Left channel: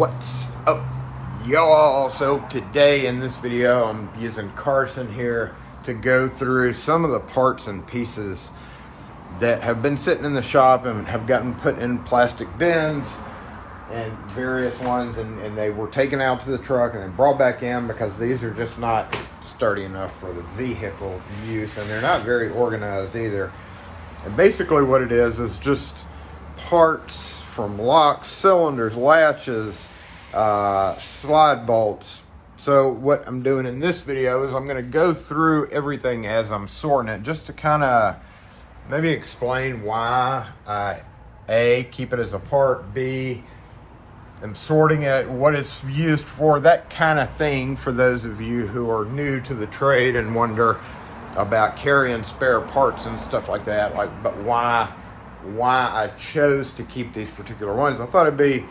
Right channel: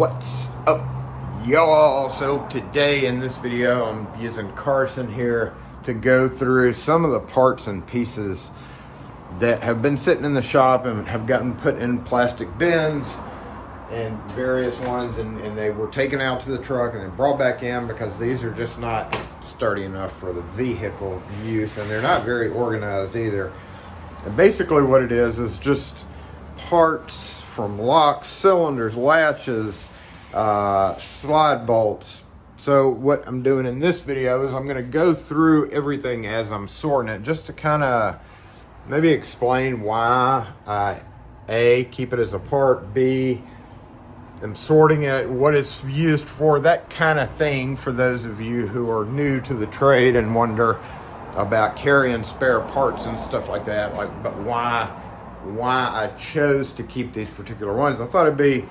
What's up, y'all? So today in this video I'm using Carson here to go through some of the parts and pieces that have been sitting in the shop and have gotten put in plastic bins and various ones, and they were taken out to the truck and then brought back in because these are just not sturdy enough for the vehicle use, and they're not very organized either. And basically what it is just parts from locks, cylinders, latches, slide bolts. So what I'm doing in this video is I'm going to go through everything as I'm sorting it, just to kind of maybe explain why A, keep it as a part, B, I'm sorting it, what it's used for, that kind of thing, for those of you who are new to the trade and wonder about carrying spare parts and stuff like that, but why I chose to keep these particular ones. I thought it'd be,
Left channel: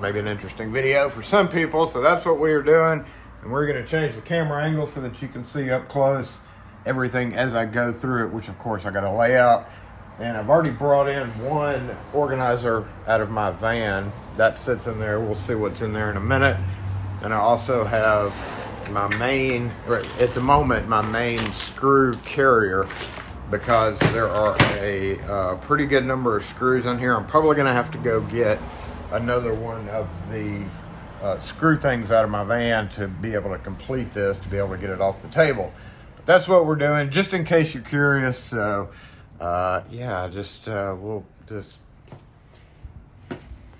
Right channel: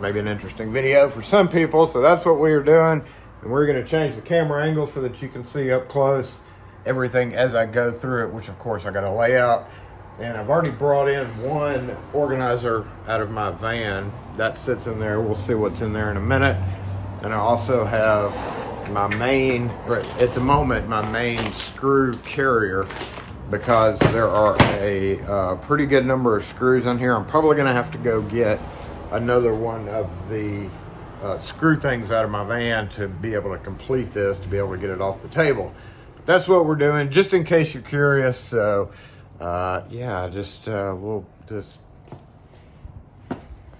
maybe an interesting video for some people, so that's what we are doing. And we're going to change the camera angle so that you can see up close everything as I go through it, which of course I got to lay out. And I've already brought in one organizer out of my van. That sits in there. We'll see what's in there in a minute. And I also have my main, at the moment, my main screw carrier, because there are a pretty good number of screws in here. I'm probably going to have to go get another one of the screw things out of my van to be able to complete this, to be able to get it off the table. But that's what we're doing, just in case you're curious. So we'll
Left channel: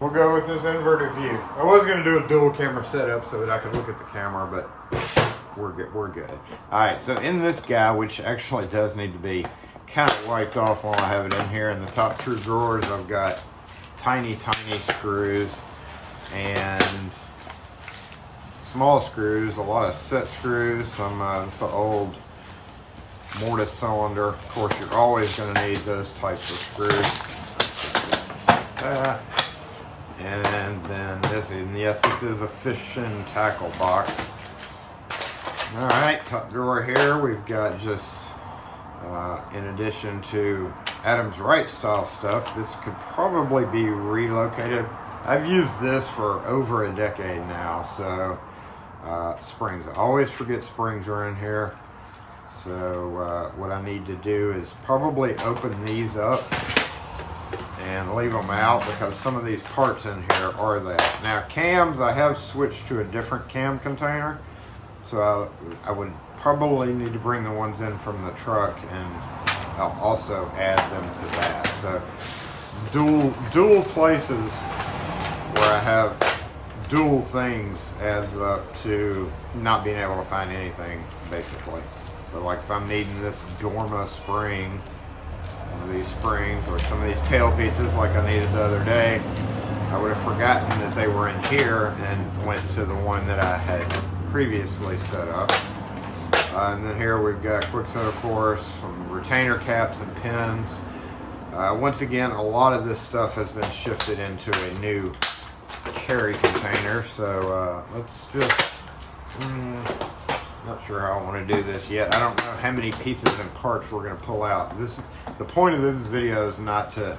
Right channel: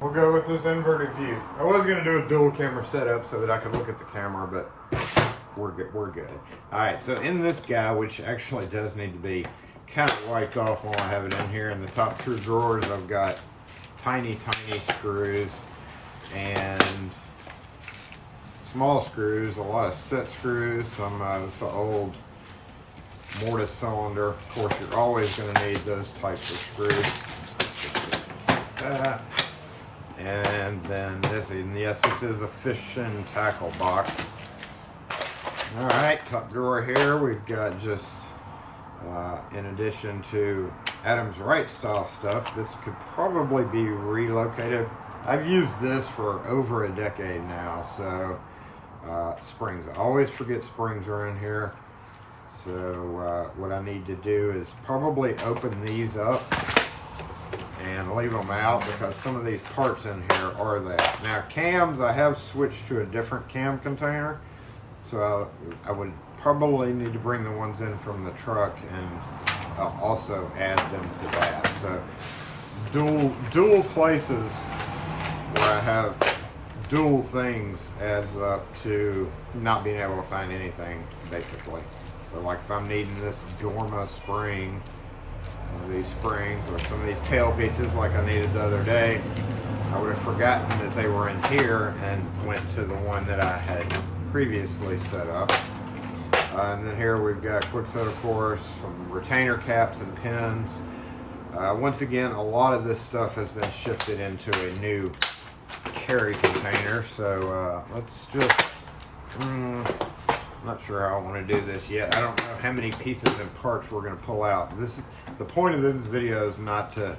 go with this inverted view. I was going to do a dual camera setup so that I could look at the camera, but we're good. All right, so in this guy, which actually does need to be kind of wiped off while I have it in here, in the top two drawers, I've got tiny screws and small screws, a lot of set screws, some this old mortise cylinder. Of course, you're always going to need those types of screws. And then this is a fish and tackle box. All right, top drawer here, we've got just, in addition to Adams Wright style stuff, this could probably be relocated. I've used this for over a decade now, so springs. I always forget springs are in here. So what I need to do is probably open these up and leave them out, because some of these parts in here are that. Now cams, I have switched to a different cam container. So I would probably need to bring the ones in from the truck, and I'll also add them to that. So dual places where I have dual things adds up to not being able to find anything, basically. So like if I'm needing this Dorma spring, one of these springs, or some of these tail pieces like I needed the other day, I would have forgotten that they were in here and went to the one that I had previously set up. And then here we've got quick set, of course, some retainer caps and pins. Once again, a lot of this stuff has been shifted into a new carry container. So let's just, not sure how I want to do this yet. I don't know how many pieces and parts we're going to pull out. This is the point of this video, is not to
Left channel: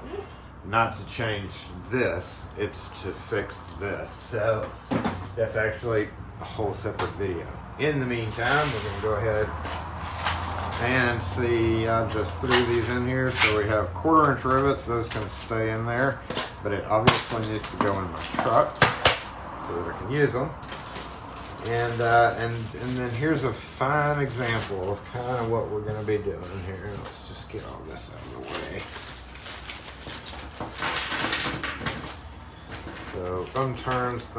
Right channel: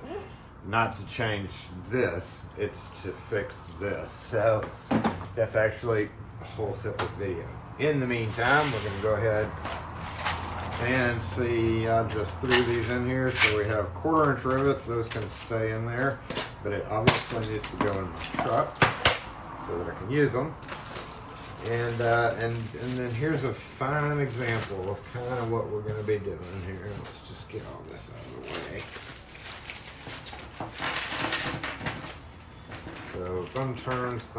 change this, it's to fix this. So that's actually a whole separate video. In the meantime, we're going to go ahead and see. I just threw these in here, so we have 1/4 inch rivets. Those can stay in there, but it obviously needs to go in my truck so that I can use them. And then here's a fine example of kind of what we're going to be doing here. Let's just get all this out of the way. So thumb turns.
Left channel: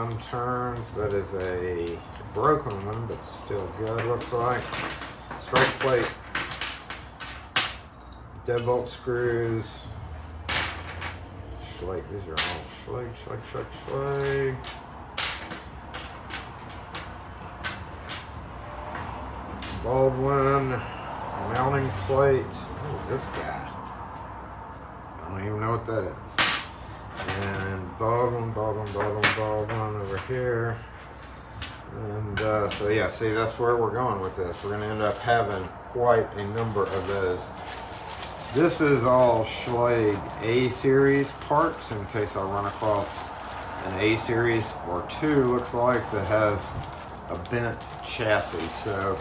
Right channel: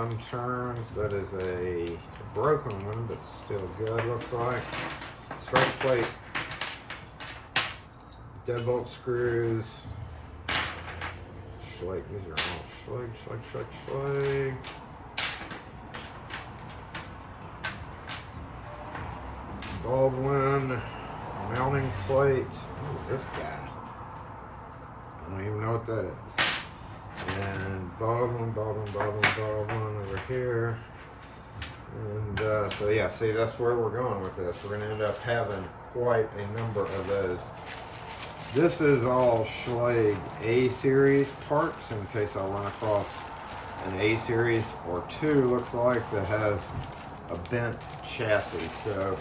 That is a broken one, but still good, looks like. Strike plate. Deadbolt screws. Schlage. These are all Schlage. Baldwin mounting plate. What is this guy? I don't even know what that is. And Baldwin over here. And so yeah, see, that's where we're going with this. We're going to end up having quite a number of those. This is all Schlage A series parts, in case I run across an A series or 2, looks like, that has a bent chassis. So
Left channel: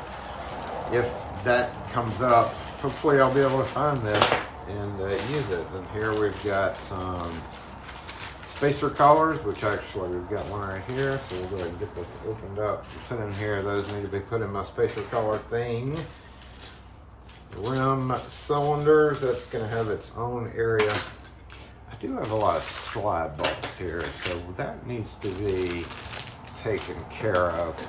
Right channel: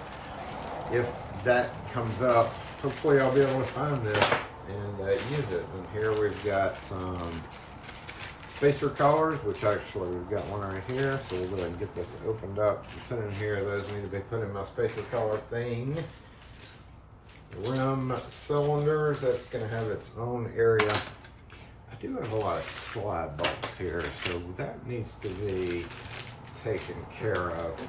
if that comes up, hopefully I'll be able to find this and use it. And here we've got some spacer collars, which actually we've got one right here. So we'll go ahead and get this opened up and put in here. Those need to be put in my spacer collar thing. Rim cylinders, that's going to have its own area. I do have a lot of slide bolts here, so that needs to be taken care of.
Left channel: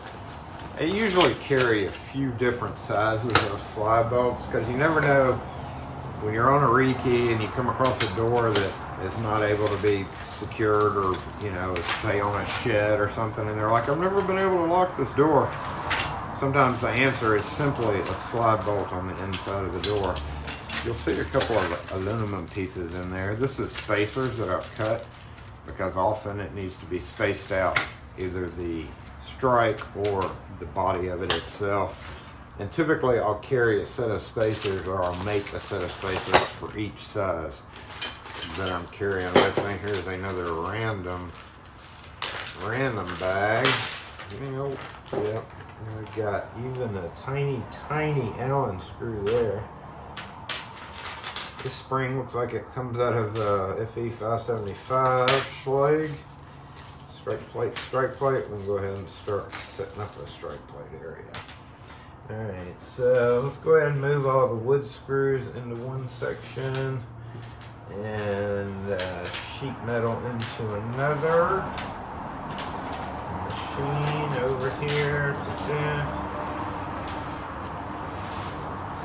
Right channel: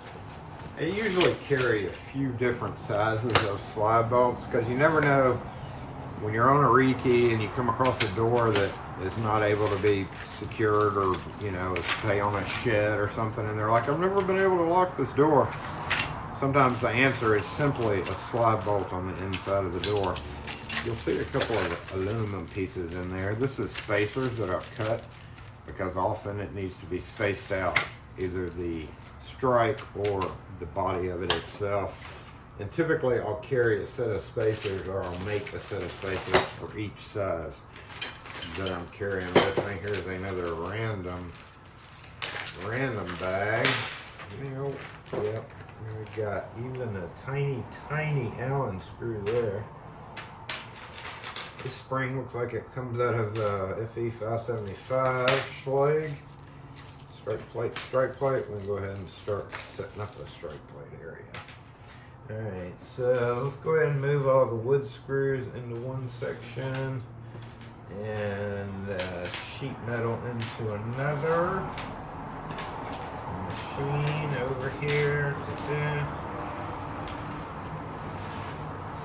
I usually carry a few different sizes of slide bolts because you never know when you're on a rekey and you come across a door that is not able to be secured, or, you know, say on a shed or something, and they're like, I've never been able to lock this door. Sometimes the answer is simply a slide bolt on the inside of the door. You'll see a couple of aluminum pieces in there. This is spacers that I've cut because often it needs to be spaced out, either the strike or the body of it itself. And typically I'll carry a set of spacers, or I'll make a set of spacers for each size that I'm carrying with me. Here's another random bag. You know, yep. And we got even a tiny Allen screw there. This spring looks like it comes out of FE 575 Schlage. Strike plate. We can go ahead and start setting up a strike plate area. Alright, so let's go ahead and move all the wood screws into one section and sheet metal into another. Machine over here.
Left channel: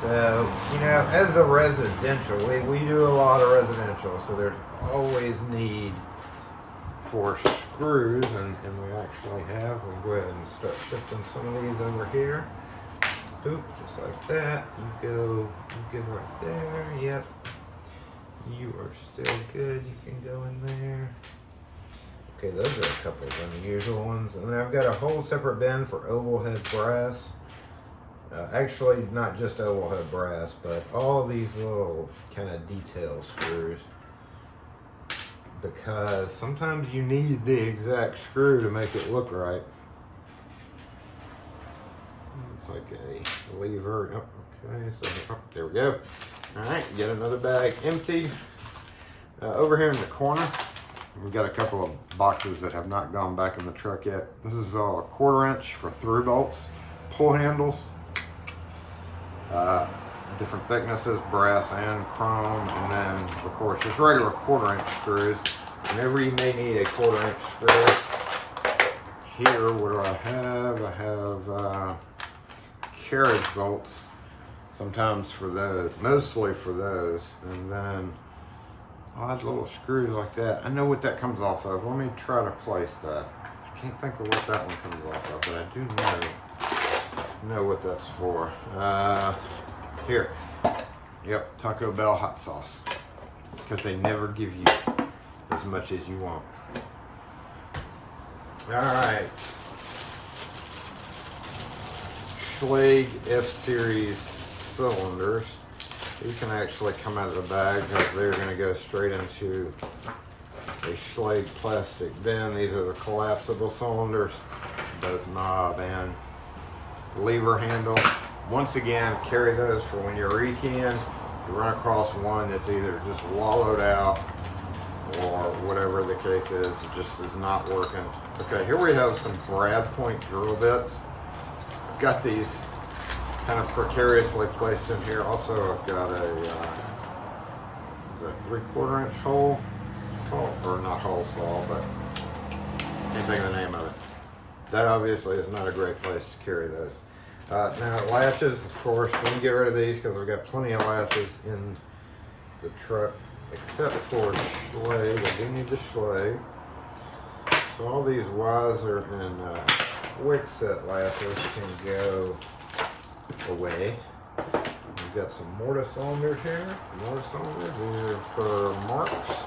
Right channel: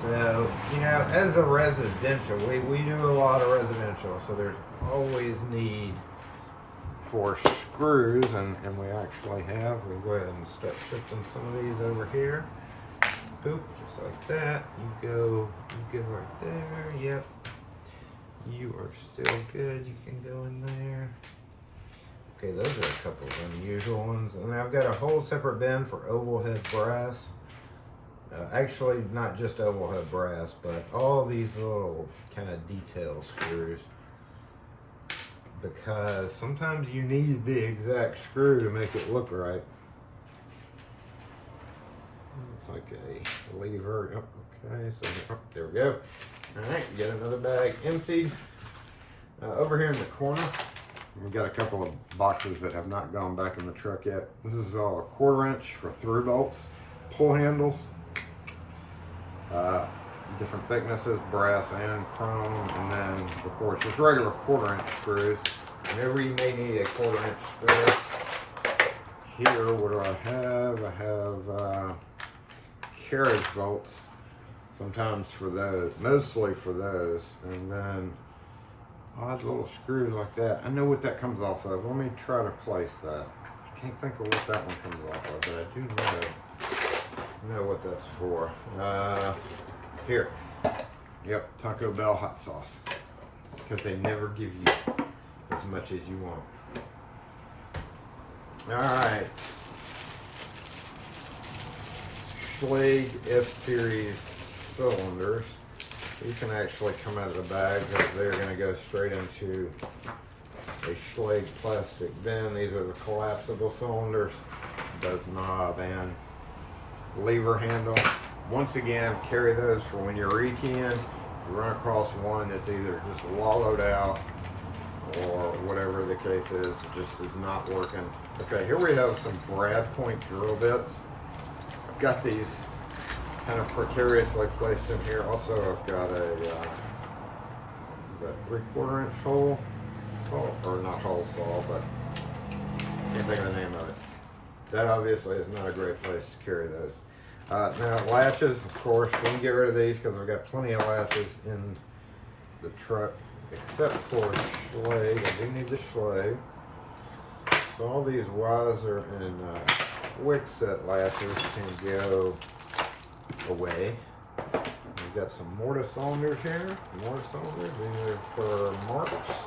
So, you know, as a residential, we do a lot of residential, so there's always need for screws, and we actually have. We can go ahead and start shifting some of these over here. Boop, just like that. You go right there. Yep. You are still good. You can go in there. Okay, those are a couple of unusual ones. And then I've got a whole separate bin for oval head brass. Actually, not just oval head brass, but all these little kind of detail screws. Because sometimes you need the exact screw to make it look right. Looks like a lever. Oh, okay, so there we go. All right, get another bag empty. Over here in the corner, we've got a couple of boxes that have not gone back in the truck yet. This is all a 1/4 inch for through bolts, pull handles, different thicknesses, brass and chrome, and then of course just regular 1/4 inch screws. Whenever you may need a 1/4 inch screw. Here, what do I have? I have carriage bolts, sometimes for those, mostly for those, and then odd little screws like that. I know what that comes off of. Let me try to place that. I can't think of what that one comes off of, but I do know what that's for. Here. Yep, Taco Bell hot sauce. Because they never give you as much as you want. Alright. Schlage F-Series cylinders. These can actually come out of the bag because they're going to go straight into a Schlage plastic bin. These are the collapsible cylinders. Those knob and lever handle. Once again, carry those for when you're rekeying. You run across one that's either just wallowed out or whatever the case is, it just is not working. Okay, here we have some brad point drill bits. I've got these kind of precariously placed in here. Also, I've got a, is that 3/4 inch hole saw, or not hole saw, but can't think of the name of it. That obviously is not a great place to carry those. Now latches, of course, we can get rid of these because we've got plenty of latches in the truck, except for Schlage. I do need the Schlage. So all these Weiser and Wick set latches can go away. We've got some mortise cylinders here. Mortise cylinders, these are for marks.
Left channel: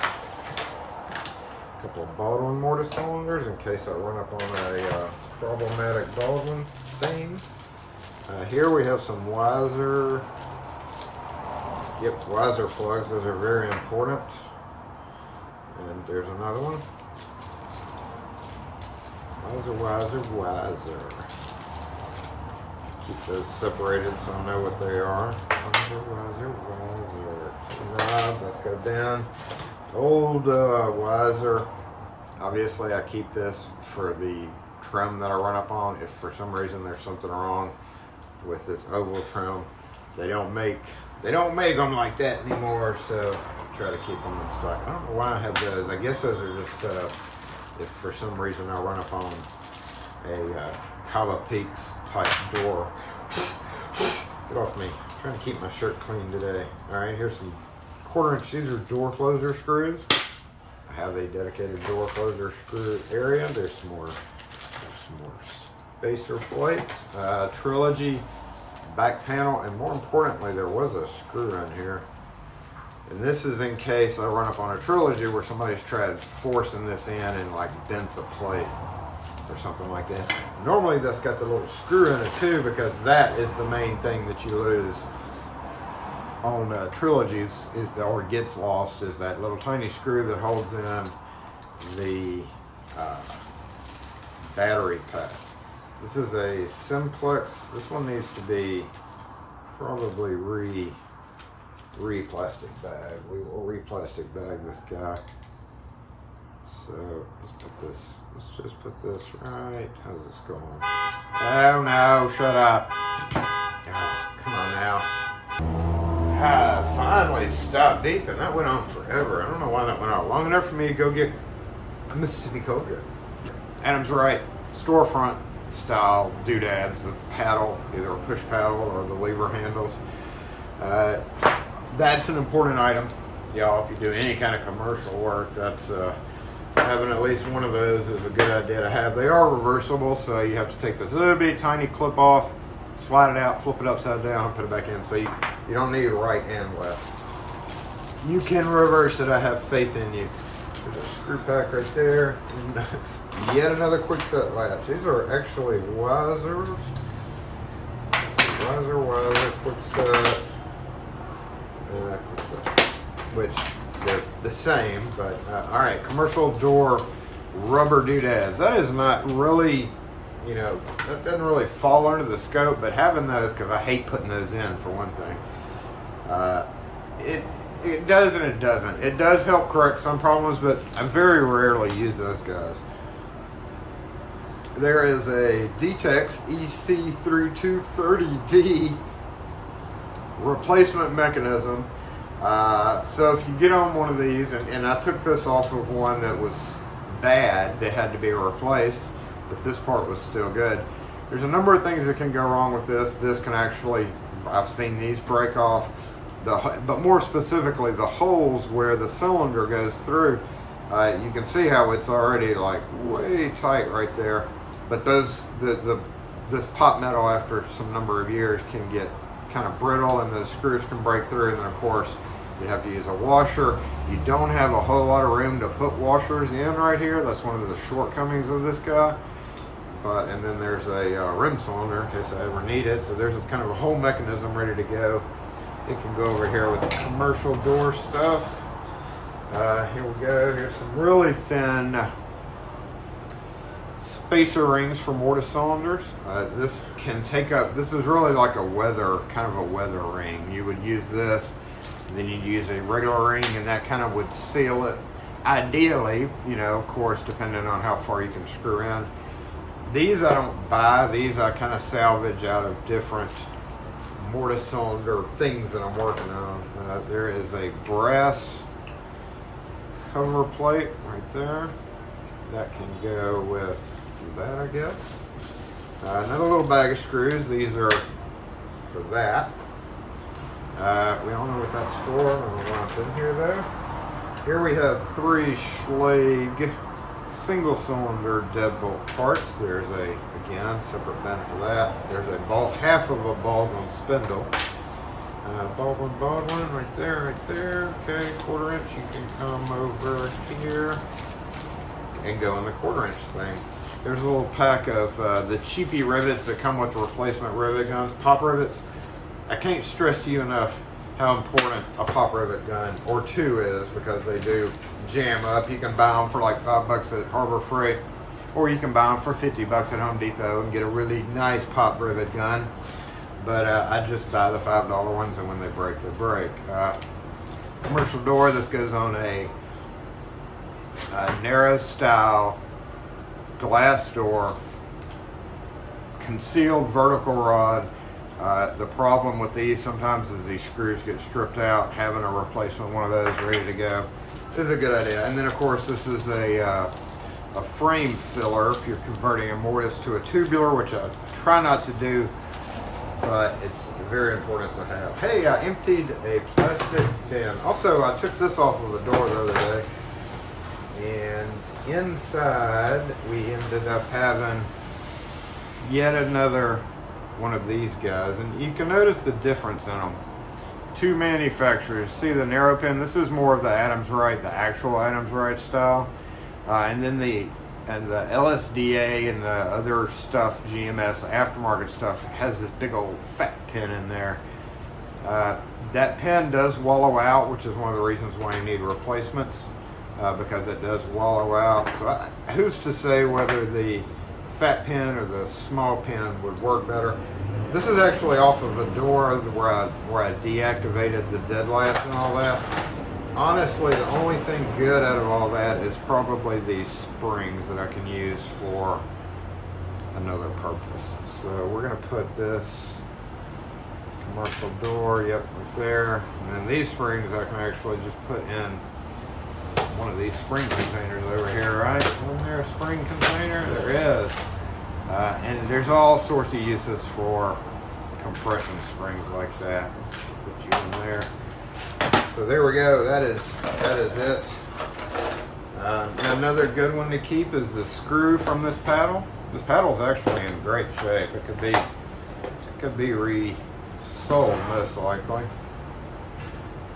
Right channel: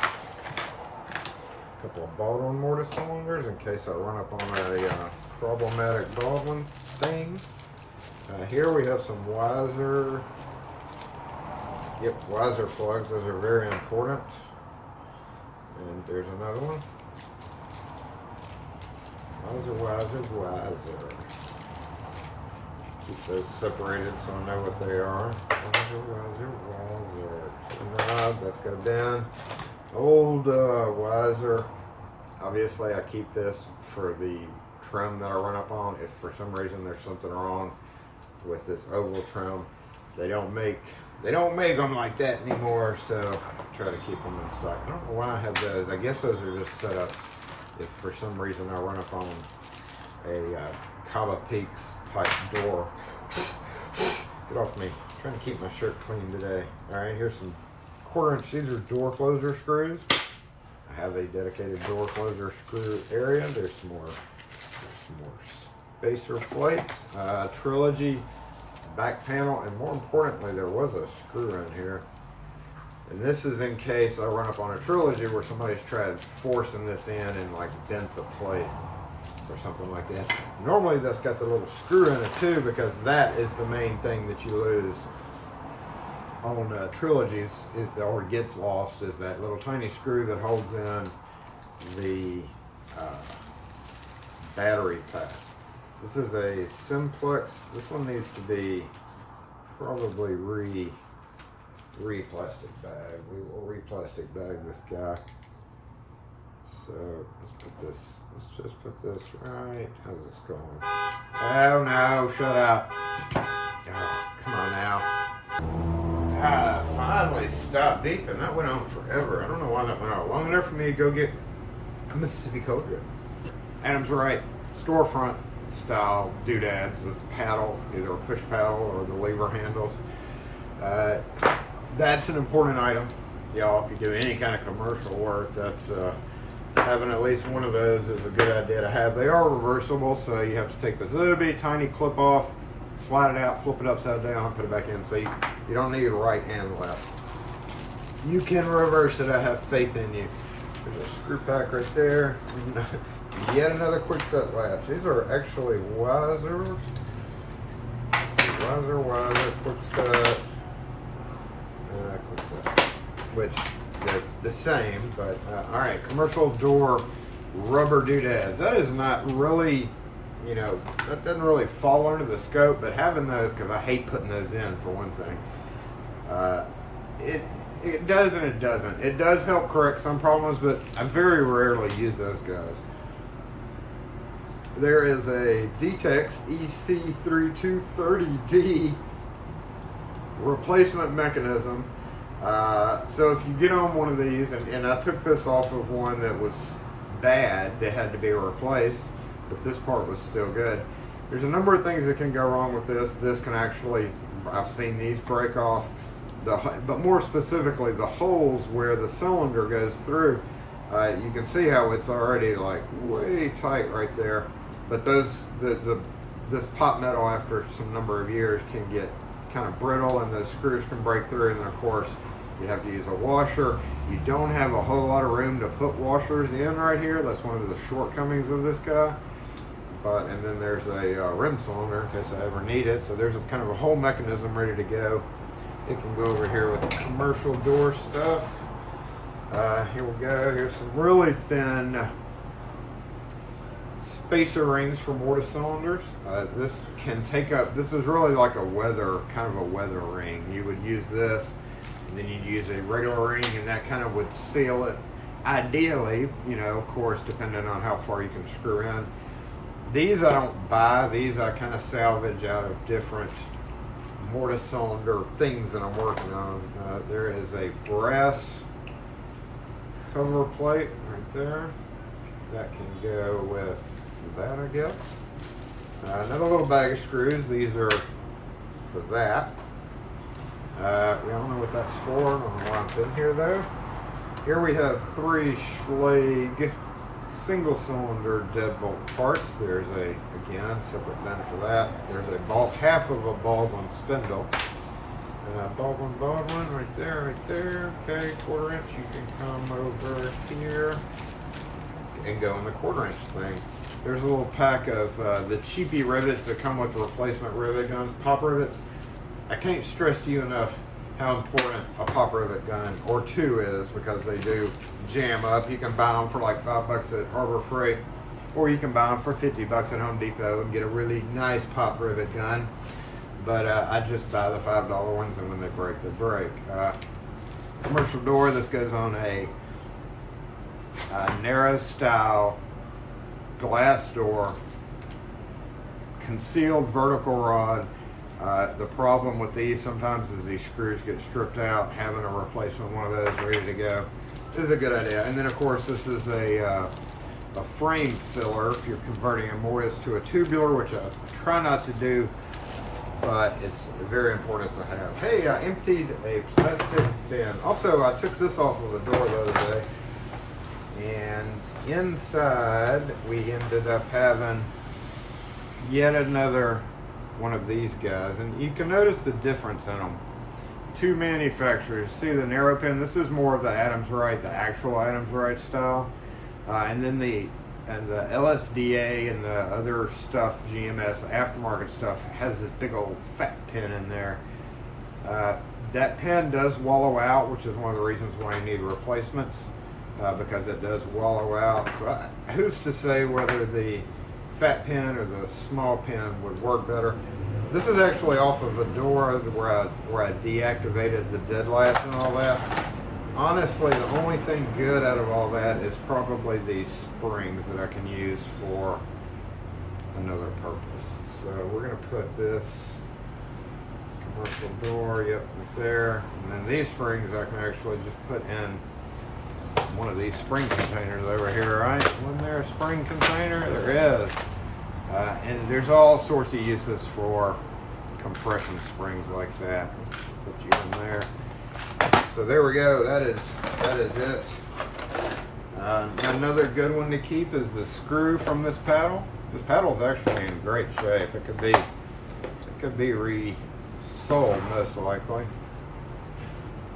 A couple of Baldwin mortise cylinders in case I run up on a problematic Baldwin thing. Here we have some Weiser. Yep, Weiser plugs. Those are very important. And there's another one. Wiser. Keep those separated so I know what they are. Wiser. Knob, that's go down. Old Wiser. Obviously, I keep this for the trim that I run up on. If for some reason there's something wrong with this oval trim, they don't make them like that anymore, so I try to keep them in stock. I don't know why I have those. I guess those are just set up if for some reason I run up on a Cava Peaks type door. Get off me. I'm trying to keep my shirt clean today. All right, here's some 1/4 inch. These are door closer screws. I have a dedicated door closer screw area. There's some more spacer plates. Trilogy back panel, and more importantly, there was a screw in here. And this is in case I run up on a Trilogy where somebody's tried forcing this in and like bent the plate or something like that. Normally that's got the little screw in it too, because that is the main thing that you lose on Trilogies, or gets lost, is that little tiny screw that holds in the battery pack. This is a Simplex. This one needs to be probably re-plastic bag. We will re-plastic bag this guy. So let's just put this right. How's this going? Oh no, shut up. Oh, come on now. Finally stopped deep, and that went on forever. I don't know why that went on long enough for me to go get a Mississippi cold drip. Adam's right. Storefront style doodads, the paddle, either a push paddle or the lever handles. That's an important item, y'all. If you do any kind of commercial work, that's having at least one of those is a good idea to have. They are reversible, so you have to take this little bitty tiny clip off, slide it out, flip it upside down, and put it back in. So you don't need right and left. You can reverse it. I have faith in you. There's a screw pack right there. And yet another quick set latch. These are actually Wisers. Wiser, quick set. Which they're the same, but all right, commercial door rubber doodads. That is not really, that doesn't really fall under the scope, but having those, because I hate putting those in for one thing, it does and it doesn't. It does help correct some problems, but I very rarely use those guys. There is a Detex EC3230D replacement mechanism. So if you get on one of these, and I took this off of one that was bad, that had to be replaced, but this part was still good. There's a number of things that can go wrong with this. This can actually, I've seen these break off, but more specifically the holes where the cylinder goes through. You can see how it's already like way tight right there, but this pot metal after some number of years can get kind of brittle, and the screws can break through, and then of course you have to use a washer. You don't have a whole lot of room to put washers in right here. That's one of the shortcomings of this guy. And then there's a rim cylinder in case I ever need it. So there's a kind of a whole mechanism ready to go. It can go over here with the commercial door stuff. Here we go. Here's some really thin spacer rings for mortise cylinders. This can take up, this is really like a weather, kind of a weather ring. You would use this, and then you use a regular ring, and that kind of would seal it. Ideally, of course, depending on how far you can screw in. These I don't buy. These I kind of salvage out of different mortise cylinder things that I'm working on. There is a brass cover plate right there. That can go with that, I guess. Another little bag of screws. These are for that. We all know what that's for. I don't know why it's in here though. Here we have 3 Schlage single cylinder deadbolt parts. There's again, separate bin for that. There's a half of a Baldwin spindle. Baldwin right there. Okay, 1/4 inch. You can come over here and go in the 1/4 inch thing. There's a little pack of the cheapy rivets that come with replacement rivet guns, pop rivets. I can't stress to you enough how important a pop rivet gun or 2 is, because they do jam up. You can buy them for like $5 at Harbor Freight. or you can buy them for 50 bucks at Home Depot and get a really nice pop rivet gun. But I just buy the $5 ones, and when they break, they break. Commercial door, this goes on a narrow style glass door, concealed vertical rod. The problem with these sometimes is these screws get stripped out. Having a replacement one of those ready to go is a good idea. And then of course this is a frame filler if you're converting a mortise to a tubular, which I try not to do, but it's very important to have. Hey, I emptied a plastic bin. Also, I took this off of the door the other day, and inside we ended up having yet another one of these guys, and you can notice the difference in them. Two manufacturers. See the narrow pin? This is more of the Adams Wright, the actual Adams Wright style, and then the LSDA and the other stuff, GMS aftermarket stuff, has this big old fat pin in there. That pin does wallow out, which is one of the reasons why you need replacements, because it does wallow out. So who's to say whether the fat pin or the small pin would work better? This is actually off of a door where I deactivated the dead latch and all that. Honestly, the only thing good out of all that is probably these springs that I can use for another purpose. So we're going to put this commercial door, yep, right there. And then these springs I can actually just put in one of these spring containers over here, right? Wasn't there a spring container? There is. And there's all sorts of uses for compression springs like that. Put you in there. So there we go. That is it. Another good one to keep is the screw from this paddle. This paddle is actually in great shape. It could be resold most likely.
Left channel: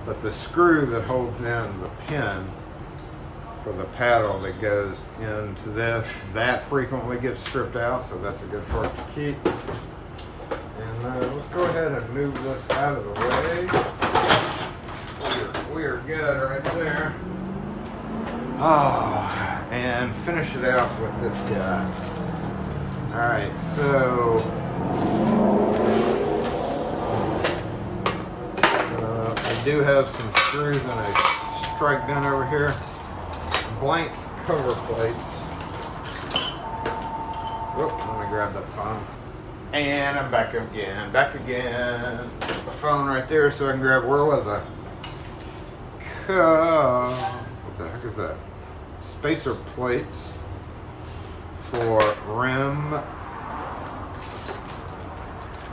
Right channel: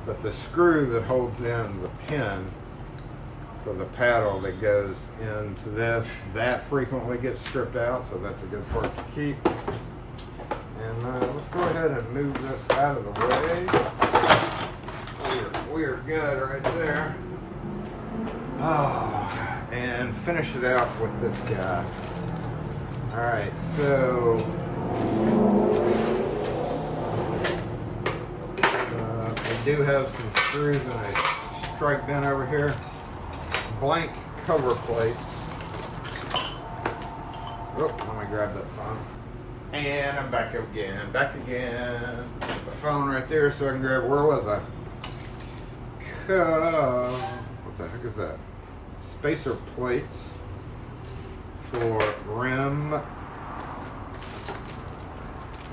But the screw that holds in the pin for the paddle that goes into this, that frequently gets stripped out, so that's a good part to keep. And let's go ahead and move this out of the way. We are good right there. Oh, and finish it out with this guy. All right, so I do have some screws in a strike bin over here. Blank cover plates. Oh, let me grab that phone. And I'm back again. Put the phone right there so I can grab, where was I? What the heck is that? Spacer plates for rim. All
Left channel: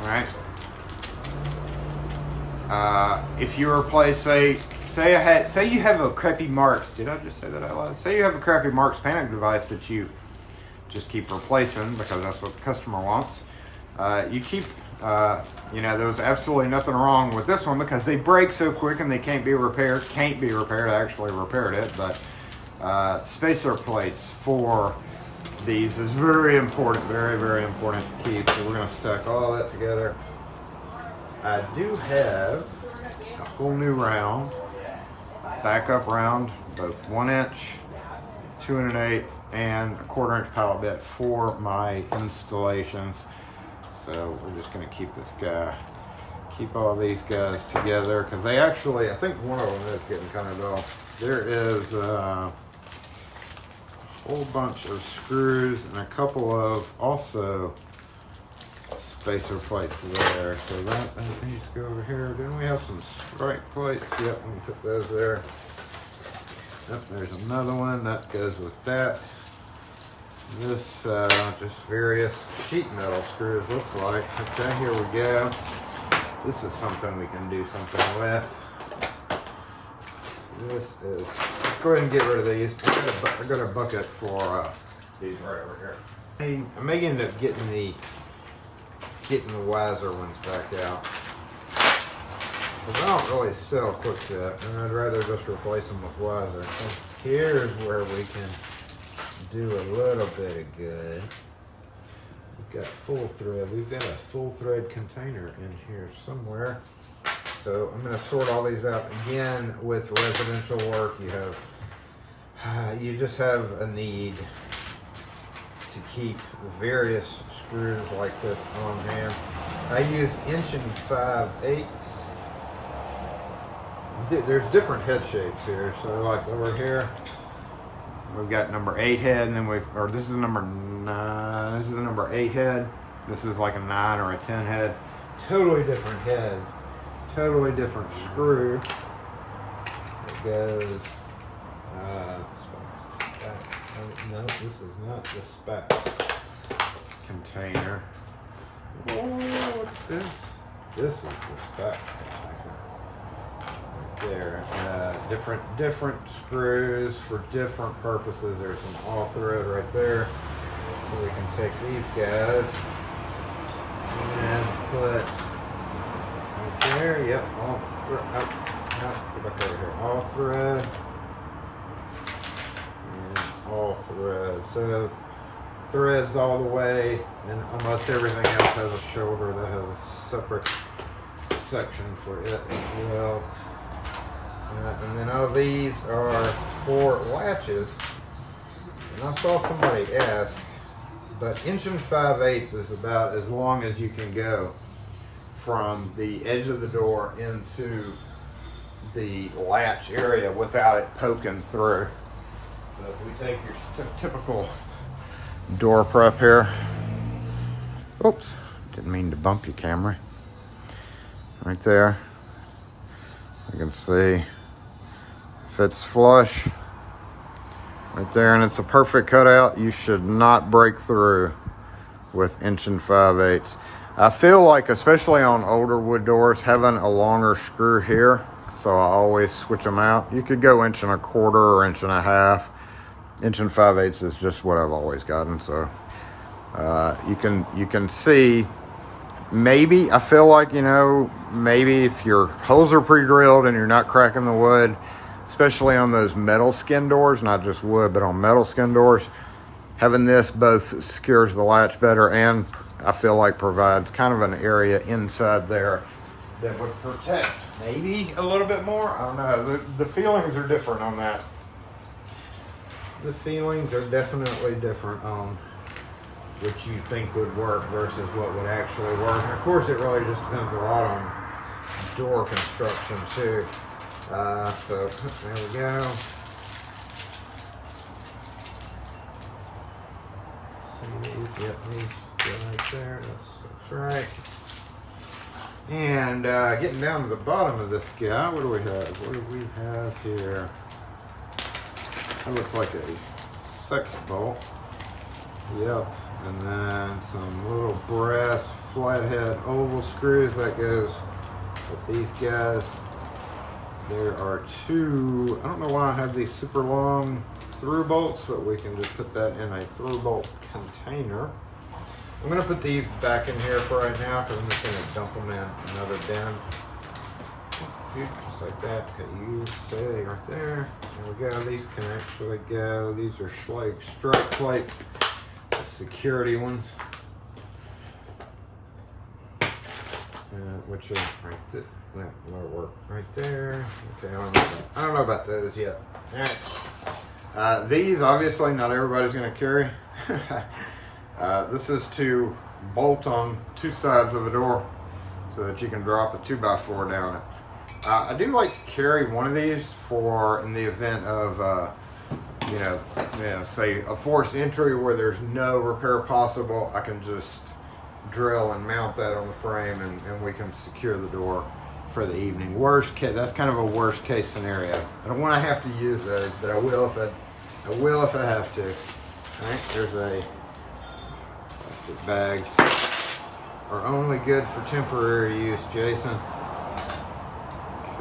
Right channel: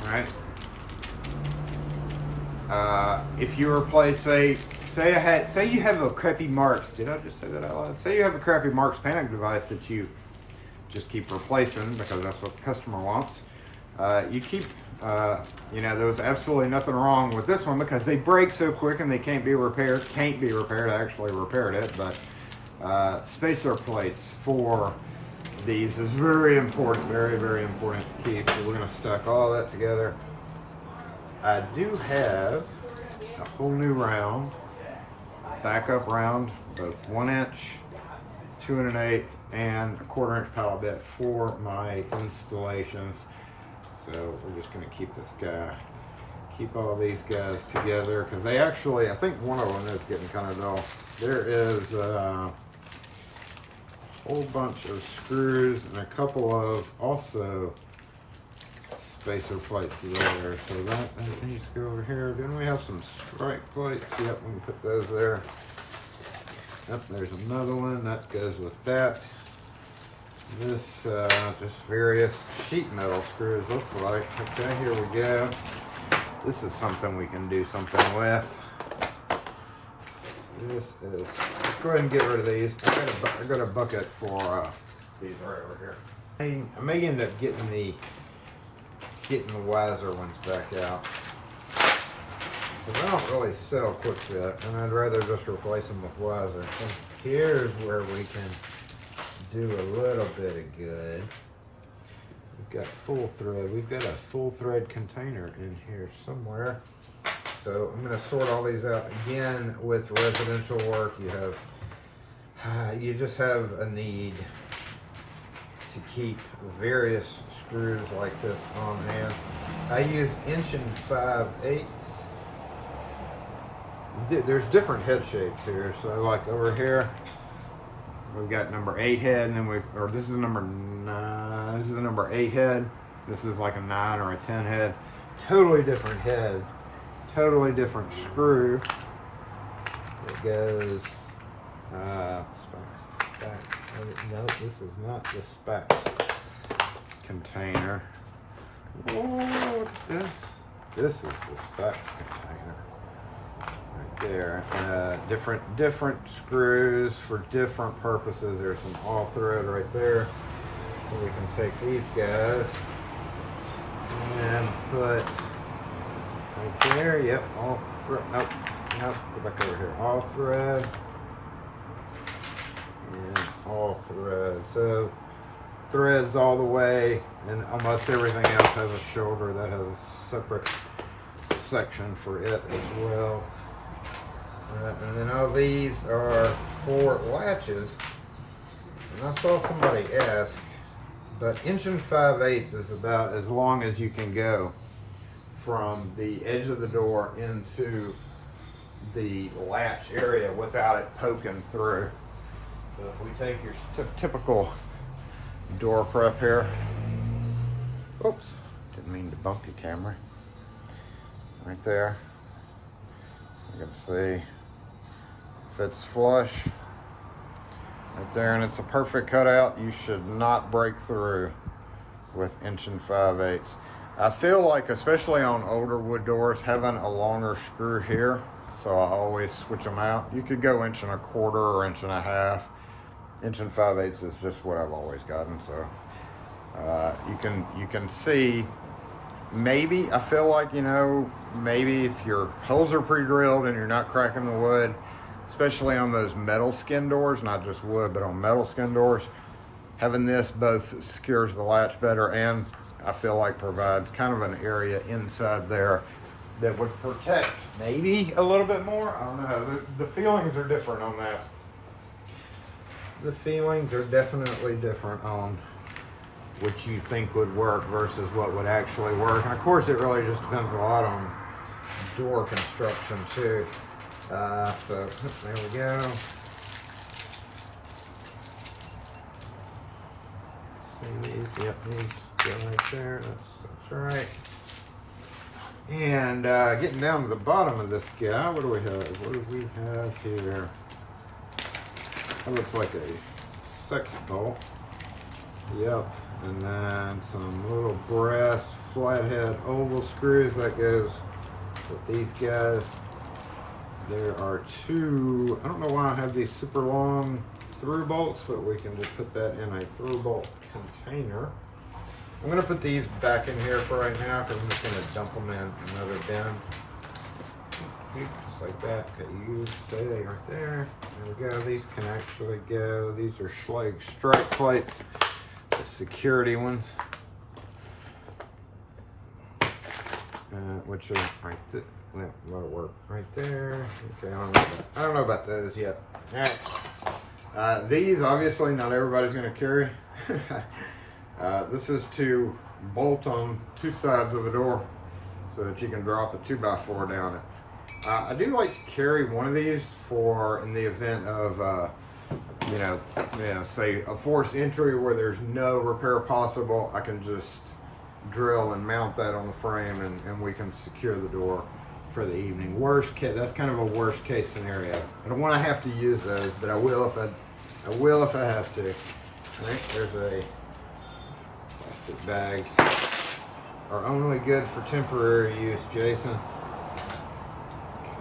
right. If you replace, say you have a crappy Marks. Did I just say that out loud? Say you have a crappy Marks panic device that you just keep replacing because that's what the customer wants. You keep, there was absolutely nothing wrong with this one because they break so quick and they can't be repaired. I actually repaired it, but spacer plates for these is very important, very, very important to keep. So we're going to stack all that together. I do have a whole new round, backup round, both 1 inch, 2 1/8, and a 1/4 inch pilot bit for my installations. So we're just going to keep all these guys together because they actually, I think one of them is getting kind of dull. There is a whole bunch of screws and a couple of also spacer plates there. So that needs to go over here. Didn't we have some strike plates? Yep, we can put those there. Yep, there's another one that goes with that. This just various sheet metal screws looks like. Okay, here we go. This is something we can do something with. Let's go ahead and get rid of these. I got a bucket for these right over here. I may end up getting the wiser ones back out. Because I don't really sell quick set, and I'd rather just replace them with wiser. So here's where we can do a little bit of good. We've got full thread. We've got a full thread container in here somewhere. So I'm going to sort all these out. Again, with residential work, you just have a need to keep various screws like this on hand. I use 1 5/8". There's different head shapes here. So like over here, we've got number 8 head, and then this is a number 9. This is a number 8 head. This is like a 9 or a 10 head. Totally different head. Totally different screw. It goes, specs. No, this is not the specs container. Whoa, look at this. This is the spec container. Right there. Different screws for different purposes. There's some all thread right there. So we can take these guys and put right there. Yep, all thread. Nope, go back over here. All thread and all thread. So threads all the way, and almost everything else has a shoulder that has a separate section for it as well. And then all these are for latches. And I saw somebody ask, but 1 5/8 is about as long as you can go from the edge of the door into the latch area without it poking through. So if we take your typical door prep here. Oops, didn't mean to bump your camera. Right there. You can see fits flush. Right there, and it's a perfect cutout. You should not break through with 1 5/8. I feel like, especially on older wood doors, having a longer screw here, so I always switch them out. You could go 1 1/4 or 1 1/2. 1 5/8 is just what I've always gotten. So you can see, maybe, I feel like, you know, maybe if your holes are pre-drilled and you're not cracking the wood, especially on those metal skin doors, not just wood, but on metal skin doors, having this both secures the latch better and I feel like provides kind of an area inside there that would protect maybe a little bit more. I don't know. The feelings are different on that. The feelings are definitely different on what you think would work versus what would actually work. And of course, it really just depends a lot on door construction too. So there we go. See these? Yep, these go right there. That's right. And getting down to the bottom of this guy, what do we have? What do we have here? That looks like a sex bolt. Yep. And then some little brass flathead oval screws that goes with these guys. There are 2, I don't know why I have these super long through bolts, but we can just put that in a through bolt container. I'm gonna put these back in here for right now because I'm just gonna dump them in another bin. Just like that. Okay, you stay right there. There we go. These can actually go. These are Schlage strike plates, the security ones, which is right there. Well, a lot of work right there. Okay, I don't know about those yet. All right. These, obviously, not everybody's going to carry. This is to bolt on 2 sides of a door so that you can drop a 2x4 down it. I do like to carry one of these for in the event of, say a forced entry where there's no repair possible. I can just drill and mount that on the frame, and we can secure the door for the evening. Worst case, that's kind of a worst case scenario. I don't want to have to use those, but I will if I have to. All right, there's a plastic bags. Are only good for temporary use, Jason.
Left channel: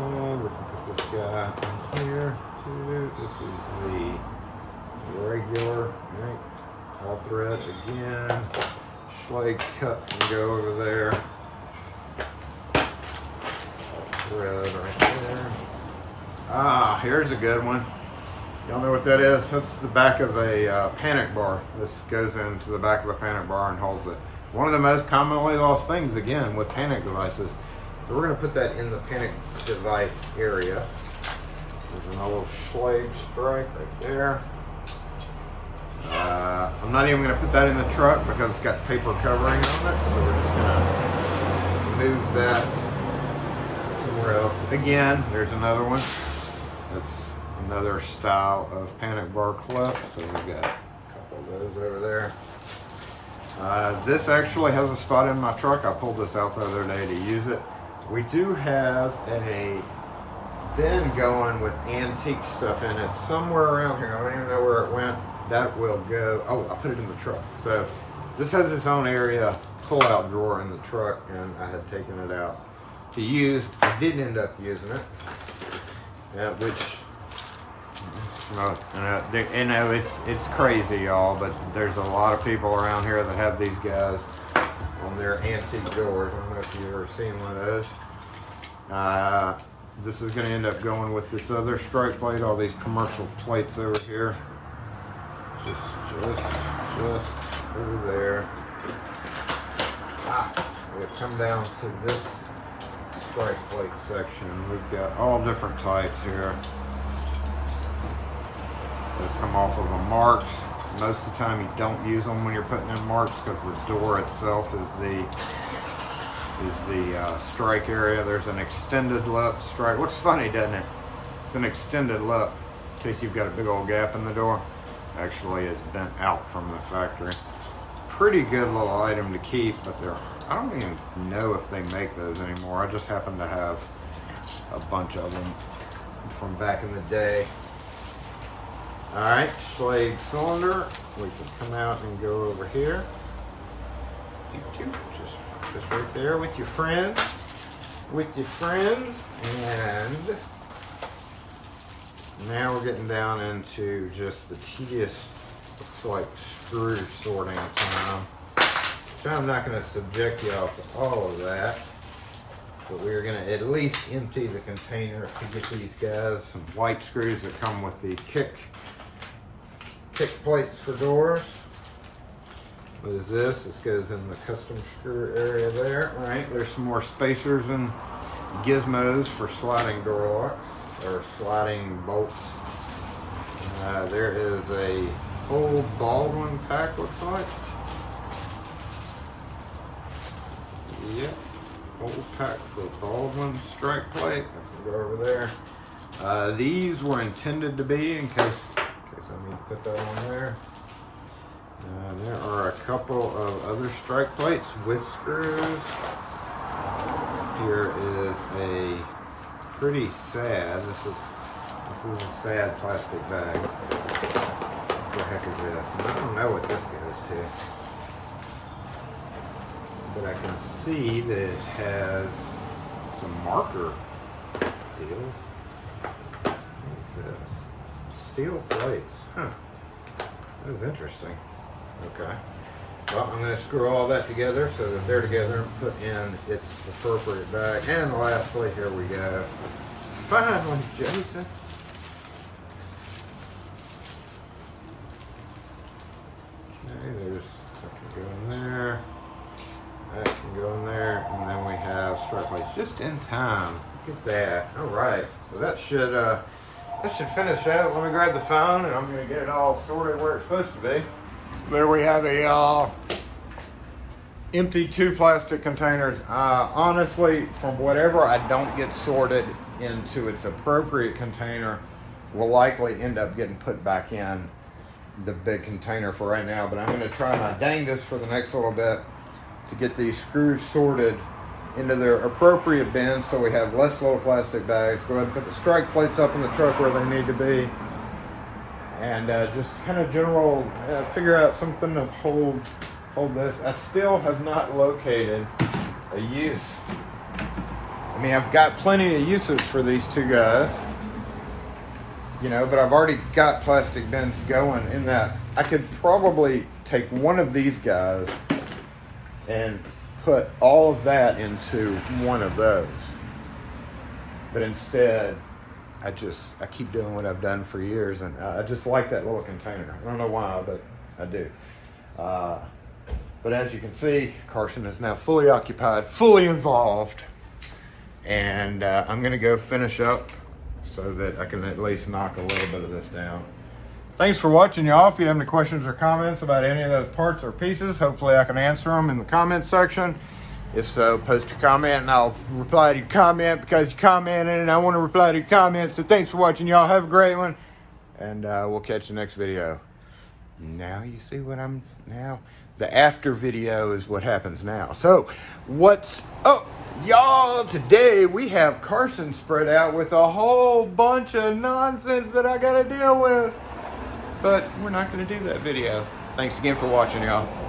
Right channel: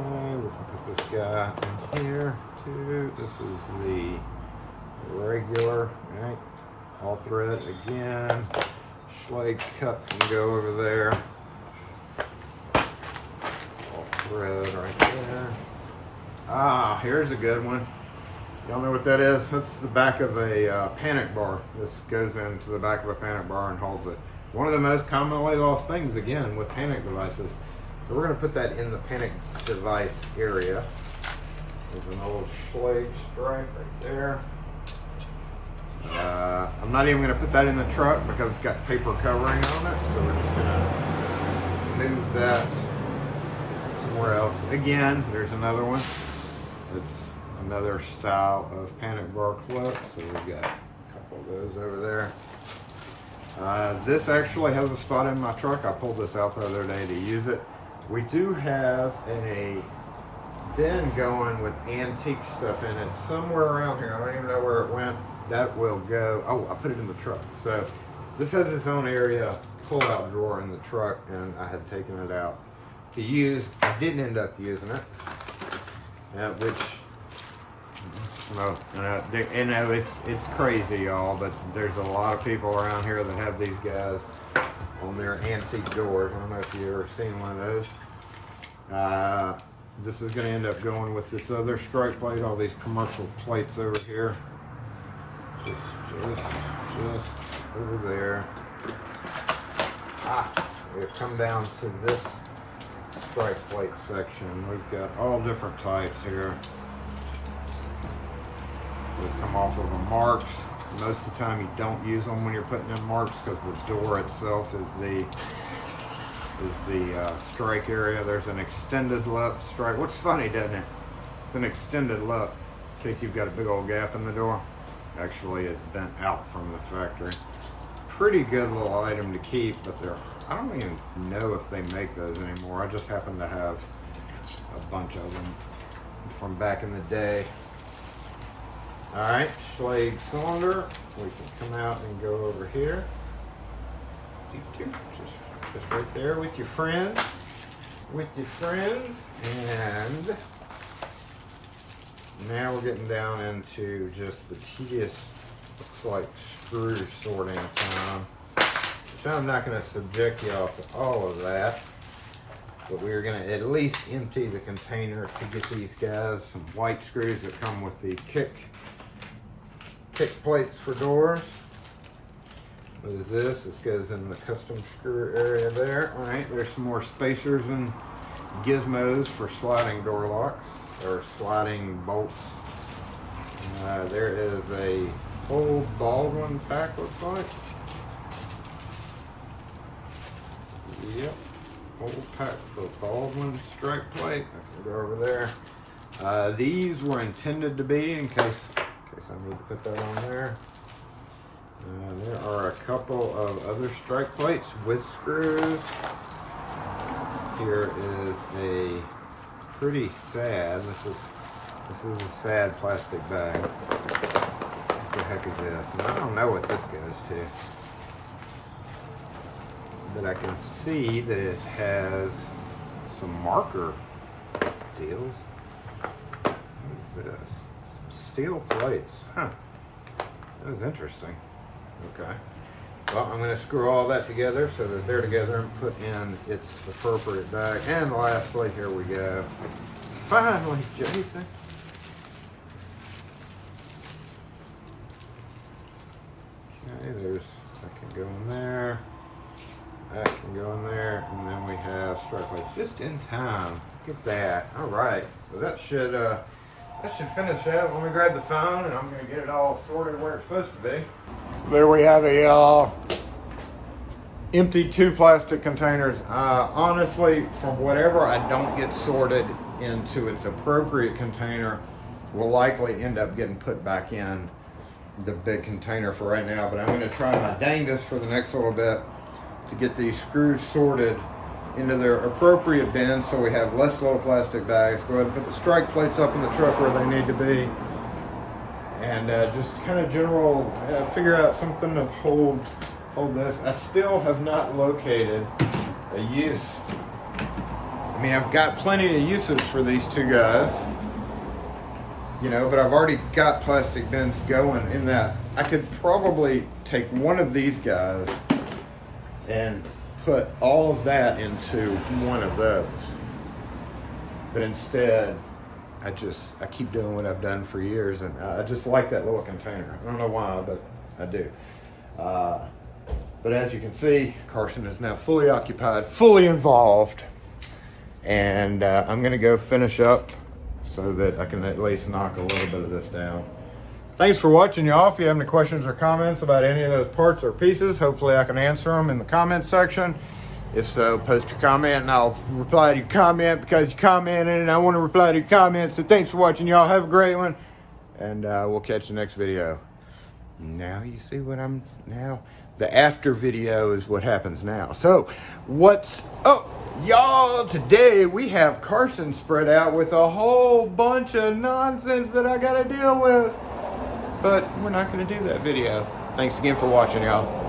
Okay, we can put this guy in here too. This is the regular, all right? All thread again. Schlage cut can go over there. All thread right there. Ah, here's a good one. Y'all know what that is? That's the back of a panic bar. This goes into the back of a panic bar and holds it. One of the most commonly lost things, again, with panic devices. So we're going to put that in the panic device area. There's an old Schlage strike right there. I'm I'm not even gonna put that in the truck because it's got paper covering on it. So we're just gonna move that somewhere else. Again, there's another one. That's another style of panic bar clip. So we've got a couple of those over there. This actually has a spot in my truck. I pulled this out the other day to use it. We do have a bin going with antique stuff in it somewhere around here. I don't even know where it went. That will go. Oh, I put it in the truck. So this has its own area pull-out drawer in the truck, and I had taken it out to use. I didn't end up using it, which. No, it's crazy, y'all, but there's a lot of people around here that have these guys on their antique doors. I don't know if you've ever seen one of those. This is going to end up going with this other strike plate, all these commercial plates over here. Just over there. We'll come down to this strike plate section. We've got all different types here. Those come off of the marks. Most of the time you don't use them when you're putting in marks because the door itself is the strike area. There's an extended lip strike. Looks funny, doesn't it? It's an extended lip in case you've got a big old gap in the door. Actually, it's bent out from the factory. Pretty good little item to keep, but I don't even know if they make those anymore. I just happen to have a bunch of them from back in the day. All right, Schlage cylinder. We can come out and go over here. Just right there with your friends. And now we're getting down into just the tedious, looks like screw sorting time. So I'm not going to subject y'all to all of that, but we're going to at least empty the container to get these guys some white screws that come with the kick plates for doors. What is this? This goes in the custom screw area there. All right, there's some more spacers and gizmos for sliding door locks or sliding bolts. There is a whole Baldwin pack, looks like. Yep, whole pack for Baldwin strike plate. I can go over there. These were intended to be in case I need to put that on there. There are a couple of other strike plates with screws. Here is a pretty sad. This is a sad plastic bag. What the heck is this? I don't know what this goes to, but I can see that it has some marker deals. What is this? Some steel plates. Huh. That was interesting. Okay. Well, I'm going to screw all that together so that they're together and put in its appropriate bag. And lastly, here we go. Finally, Jason. Okay, that can go in there. That can go in there. And then we have strike plates just in time. Look at that. All right. So that should finish it. Let me grab the phone and I'm going to get it all sorted where it's supposed to be. So there we have a empty 2 plastic containers. Honestly, from whatever I don't get sorted into its appropriate container will likely end up getting put back in the big container for right now. But I'm going to try my dangest for the next little bit to get these screws sorted into their appropriate bins so we have less little plastic bags. Go ahead and put the strike plates up in the truck where they need to be. And just kind of general, figure out something to hold this. I still have not located a use. I mean, I've got plenty of uses for these 2 guys, you know, but I've already got plastic bins going in that. I could probably take one of these guys and put all of that into one of those. But instead, I keep doing what I've done for years, and I just like that little container. I don't know why, but I do. But as you can see, Carson is now fully occupied, fully involved, and I'm gonna go finish up so that I can at least knock a little bit of this down. thanks for watching, y'all. If you have any questions or comments about any of those parts or pieces, hopefully I can answer them in the comment section. If so, post your comment and I'll reply to your comment because you commented and I want to reply to your comments. So thanks for watching, y'all. Have a great one. And we'll catch you next video. Now you see what I'm now. The after video is what happens now. So what's up, y'all? Today we have Carson spread out with a whole bunch of nonsense that I got to deal with. But we're not going to do that video. Thanks again for watching, y'all.